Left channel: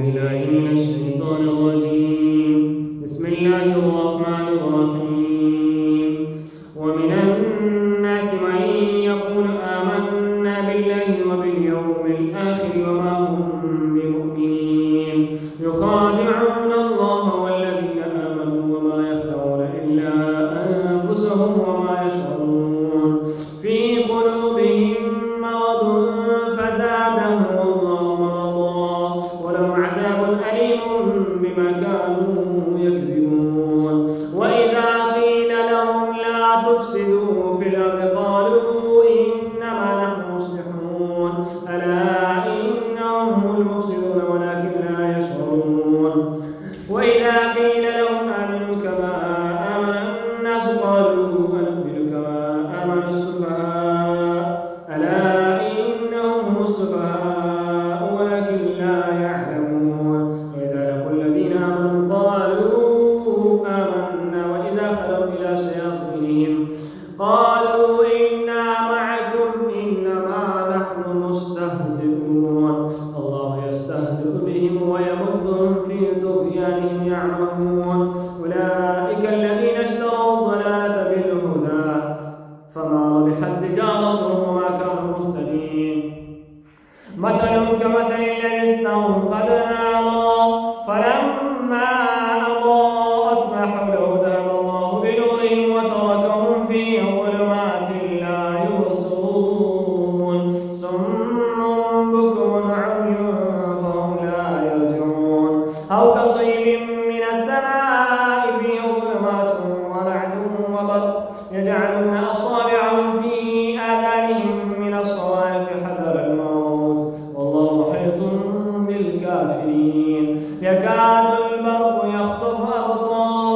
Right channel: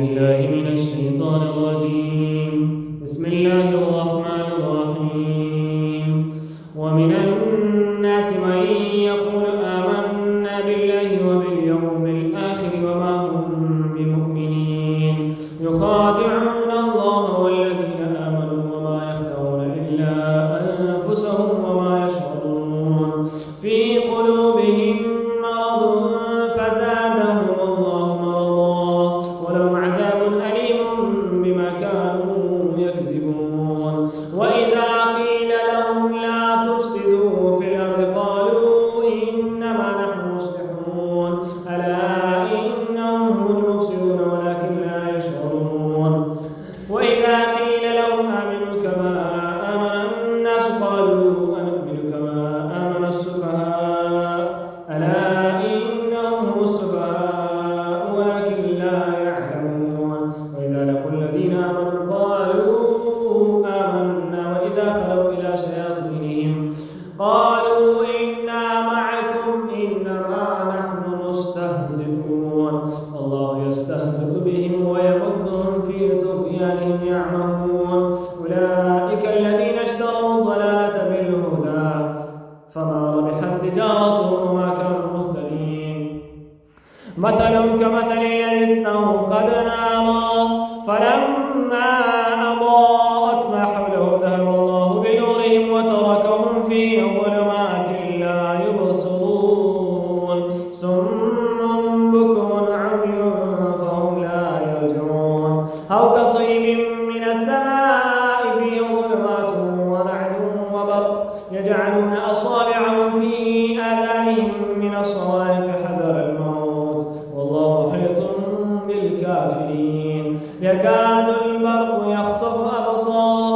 بالله من الشيطان الرجيم. بسم الله الرحمن الرحيم. ومن الناس من يقول آمنا بالله وباليوم الآخر وما هم بمؤمنين يخادعون الله والذين آمنوا وما يخدعون إلا أنفسهم وما يشعرون في قلوبهم مرض فزادهم الله مرضا ولهم عذاب أليم بما كانوا يكذبون. وإذا قيل لهم لا تفسدوا في الأرض قالوا إنما نحن مصلحون ألا إنهم هم المفسدون ولكن لا يشعرون. وإذا قيل لهم آمنوا كما آمن الناس قالوا أنؤمن كما آمن السفهاء ألا إنهم هم السفهاء ولكن لا يعلمون. وإذا لقوا الذين آمنوا قالوا آمنا وإذا خلوا إلى شياطينهم قالوا إنا معكم إنما نحن مستهزئون. الله يستهزئ بهم ويمدهم في طغيانهم يعمهون. أولئك الذين اشتروا الضلالة بالهدى فما ربحت تجارتهم وما كانوا مهتدين. مثلهم كمثل الذي استوقد نارا فلما أضاءت ما حوله ذهب الله بنورهم وتركهم في ظلمات لا يبصرون صم بكم عمي فهم لا يرجعون. أو كصيب من السماء فيه ظلمات ورعد وبرق يجعلون أصابعهم في آذانهم من الصواعق حذر الموت والله محيط بالكافرين. يكاد البرق يخطف أبصارهم